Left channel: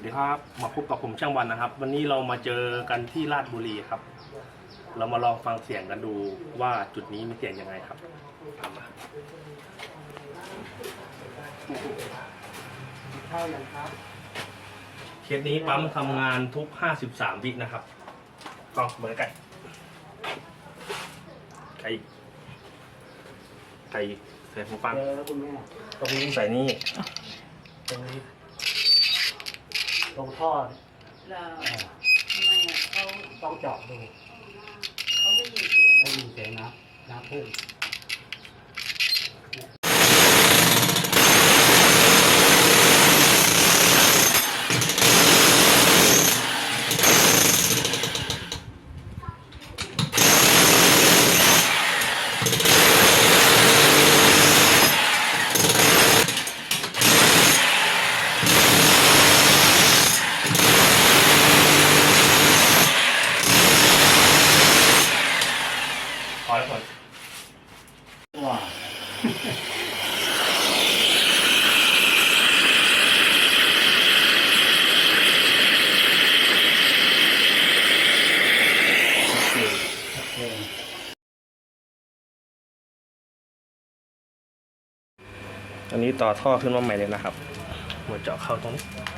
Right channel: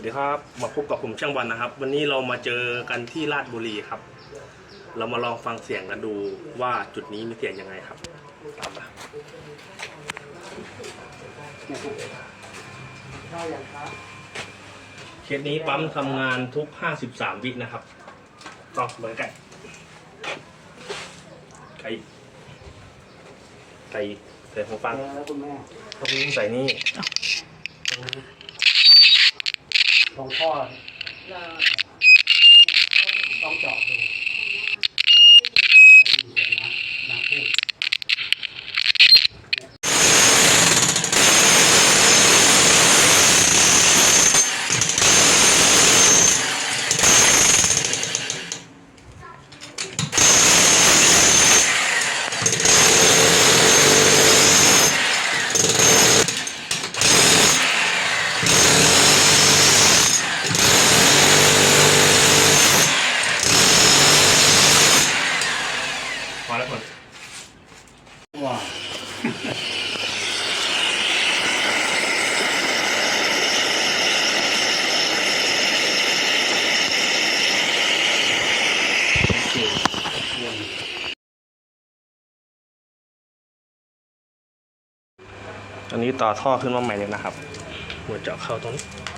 วัสดีครับ มาพบกับผมช่างวันนะครับ วันนี้เรามาเจอกันที่ราชบุรีครับ เรามาลองฟังเสียงกันดูว่าจุดนี้มีเสียงยังไงครับ ตามมาเข้าอย่างครับเคสนี้ปั๊มทำงานทุก 53 วินะครับต้องเหมือนไก่ไก่ไก่ใส่หูฟังเจอแล้วคุณแม่ตรงนี้ใส่นี่ ตรงนี้ตรงท่อ แล้ว อ่า ทำไมอะเขา ต้องเจาะดู เขาได้ยินเสียง ให้มีเสียงน้ำน้ำพุ่ง พ อแล้วก่อนว้าวโอเคโอเคอันนี้ต่อท่อขึ้นมาใหม่เลยนะครับ หัวเจาะเข้าตรงนี้